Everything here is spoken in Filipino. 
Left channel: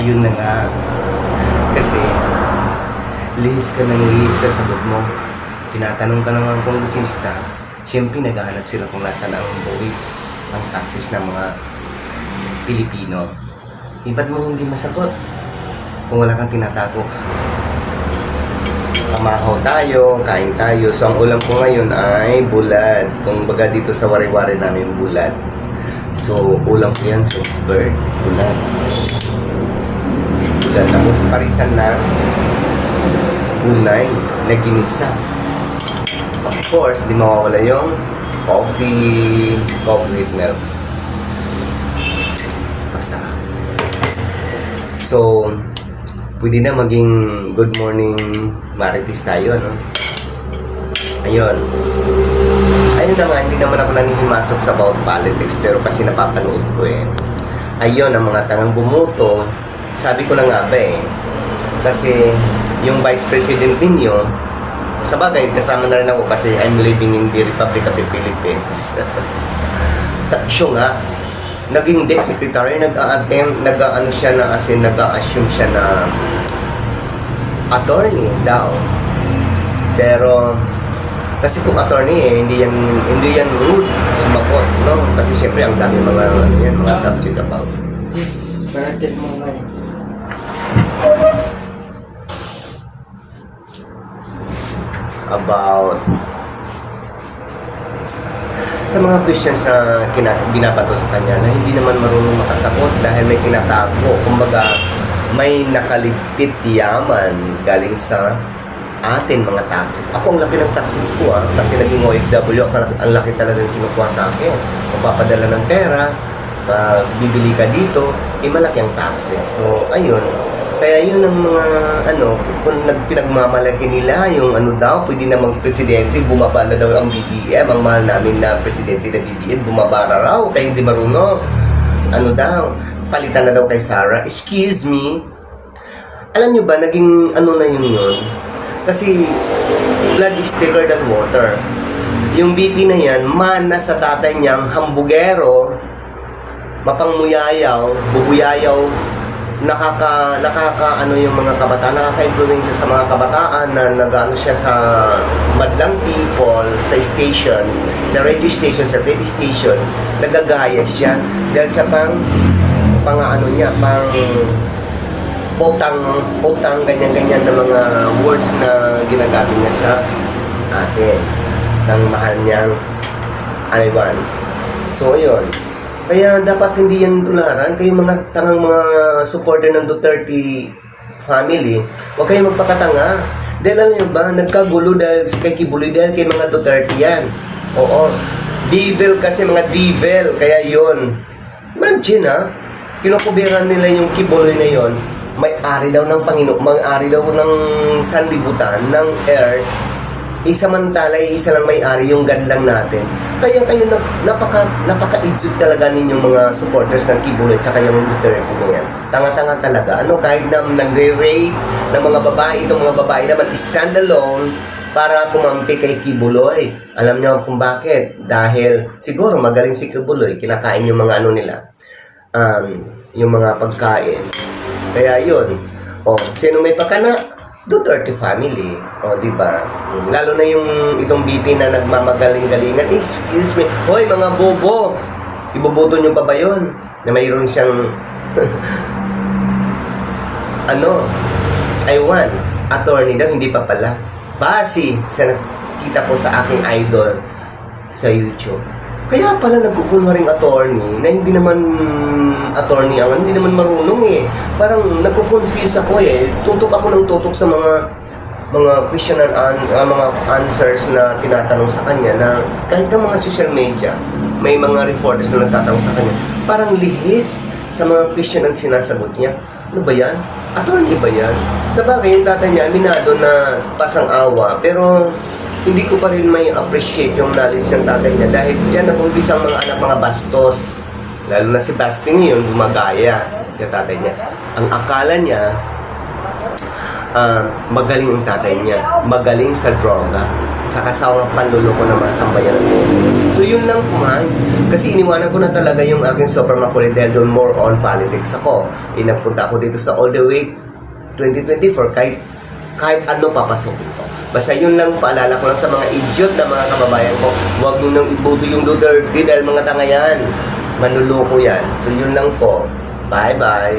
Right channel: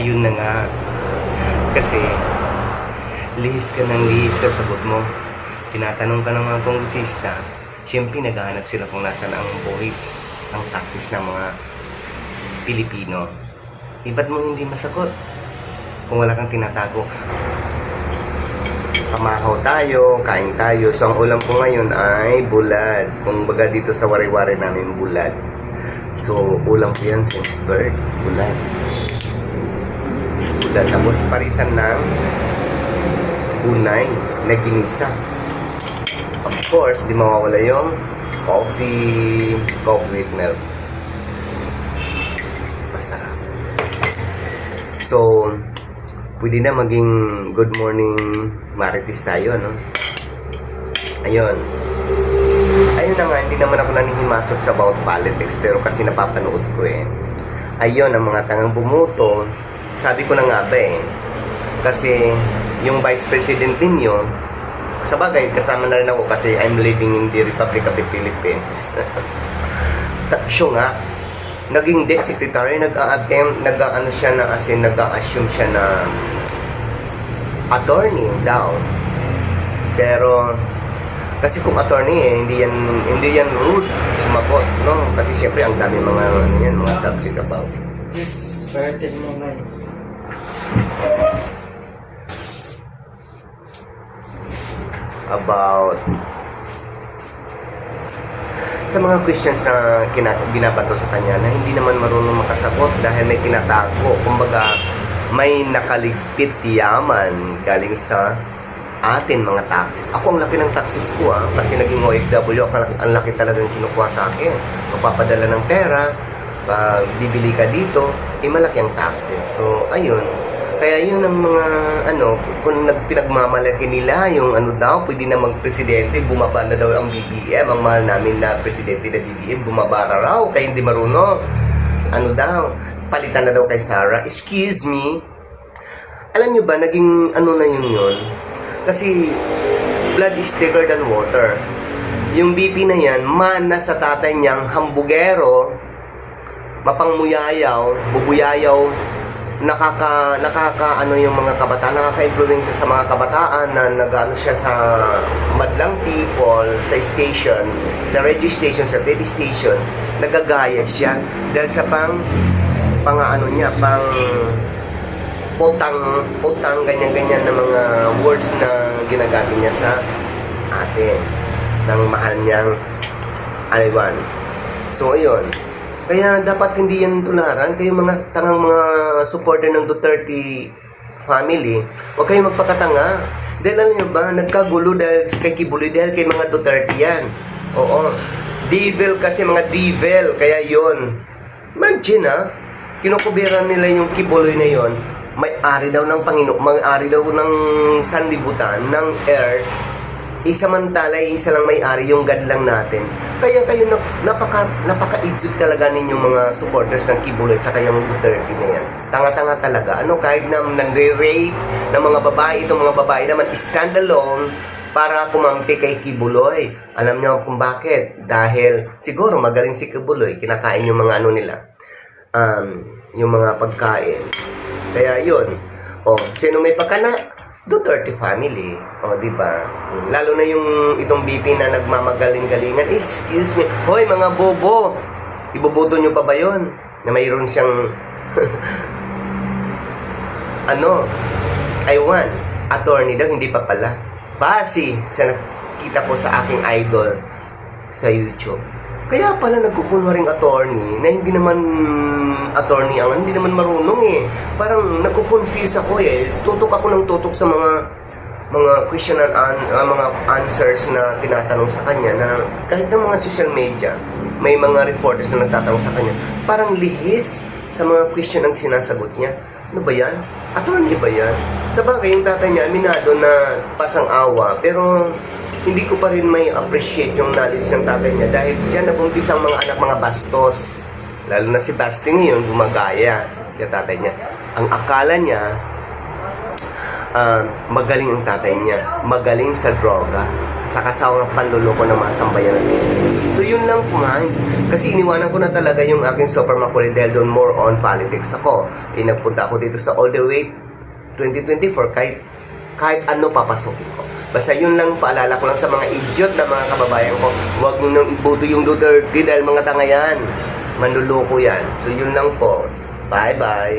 Ayun na nga. Kasi, lihis ka ng lihis sa sagot mo. Tinatanong ka naman kung lisista. Siyempre, naghahanap sila kung nasaan ang buwis ng taxes ng mga Pilipino. Ba't mo hindi masagot? Kung wala kang tinatago. Pamahaw tayo, kain tayo. So, ang ulam ko ngayon ay bulad. Kung baga dito sa wari-wari namin bulad. So, ulam ko yan, Salzburg. Bulad. Bulad. Tapos, parisan ng unay na ginisa. Of course, di mawawala yung coffee with milk. Masarap. So, pwede na maging good morning marites tayo, no? Ayun. Ayun na nga, hindi naman ako nanihimasok sa about politics, pero kasi napapanood ko eh. Ayun, ang mga tangang bumuto, sabi ko na nga ba eh. Kasi yung Vice President ninyo, sa bagay, kasama na rin ako kasi I'm living in the Republic of the Philippines. Siya nga, naging debt secretary, nag-a-attempt, siya na, as in, nag-a-assume siya na attorney daw. Pero, kasi kung attorney eh, hindi yan rude sumagot, no? Kasi syempre ang dami mga subject about it. Just baratin mo na yun. About sa mga questions na binabato sa kanya na hindi naman marunong makasagot dahil may tinatago, kumbaga may nakaligtit yaman galing sa atin mga taxes. Ako ang laki ng taxes ko kasi naging OFW ako, ang laki talagang kinukuha sa akin. Magpapadala ng pera, bibili ka dito, malaki ang taxes. So, ayun. Kaya yun ang mga, kung pinagmamalaki nila, yung daw, pwede na mag-presidente, bumaba na daw ang BBM, ang mahal namin na presidente na BBM, bumaba na raw, kaya hindi marunong. Daw, palitan na daw kay Sara. Excuse me, alam nyo ba, naging na yun? Kasi, blood is thicker than water. Yung BP na yan, mana sa tatay niyang hambugero, mapangmuyayaw, bubuyayaw, yung mga kabataan, nakaka-influence sa mga kabataan na nag-ano siya sa madlang people, sa station, sa radio station, sa TV station, nagagaya siya dahil sa pang utang, ganyan-ganyan na mga words na ginagamit niya sa atin, ng mahal niyang Ivan. So, ayun. Kaya dapat hindi yan tularan. Kayo mga tangang mga supporter ng Duterte family, huwag kayong magpakatanga. Dahil alam niyo ba, nagkagulo dahil kay Kibuloy, dahil kay mga Duterte yan. Oo. Devil kasi, mga devil. Kaya yun. Imagine kinukubiran nila yung Kibuloy na yun. May-ari daw ng Panginoon, may-ari daw ng sanlibutan, ng earth. Samantala, isa lang may-ari, yung God lang natin. Kaya kayo, napaka-idiot talaga ninyong mga supporters ng Kibuloy at saka yung Duterte na yan. Tanga-tanga talaga. Kahit na nag-rape ng mga babae, itong mga babae naman, stand alone para kumampi kay Kibuloy. Alam niyo kung bakit? Dahil siguro magaling si Kibuloy, kinakain yung mga nila, yung mga pagkain. Kaya yun. Sino may pakana? Duterte family. Di ba? Lalo na yung itong BP na nagmamagaling-galingan. Excuse me. Hoy, mga bobo! Iboboto nyo pa ba yun? Na mayroon siyang Iwan. Attorney daw, hindi pa pala. Base sa nakita ko sa aking idol sa YouTube. Kaya pala nagkukunwaring attorney na hindi naman attorney ako, hindi naman marunong eh. Parang nagko-confuse ako eh. Tutok ako ng tutok sa mga question and mga answers na tinatanong sa kanya na kahit ng mga social media, may mga reporters na nagtatanong sa kanya. Parang lihis sa mga question ang sinasagot niya. Ano ba yan? Attorney ba yan? Sa bagay, yung tatay niya, aminado na pasang-awa, pero hindi ko pa rin may appreciate yung knowledge ng tatay niya dahil dyan nag-umpisa ang mga anak, mga bastos. Lalo na si Basti ngayon, gumagaya yung tatay niya. Ang akala niya, magaling ang tatay niya. Magaling sa droga. Tsaka sa mga panluloko ng mga sambayan. So yun lang po Kasi iniwanan ko na talaga yung aking super makulit dahil doon more on politics ako. Nagpunta ako dito sa all the way 2024 kahit ano papasokin ko. Basta yun lang, paalala ko lang sa mga idiot na mga kababayan ko, huwag nyo nang iboto yung Duterte dahil mga tanga yan. Manluloko yan. So yun lang po. Bye-bye.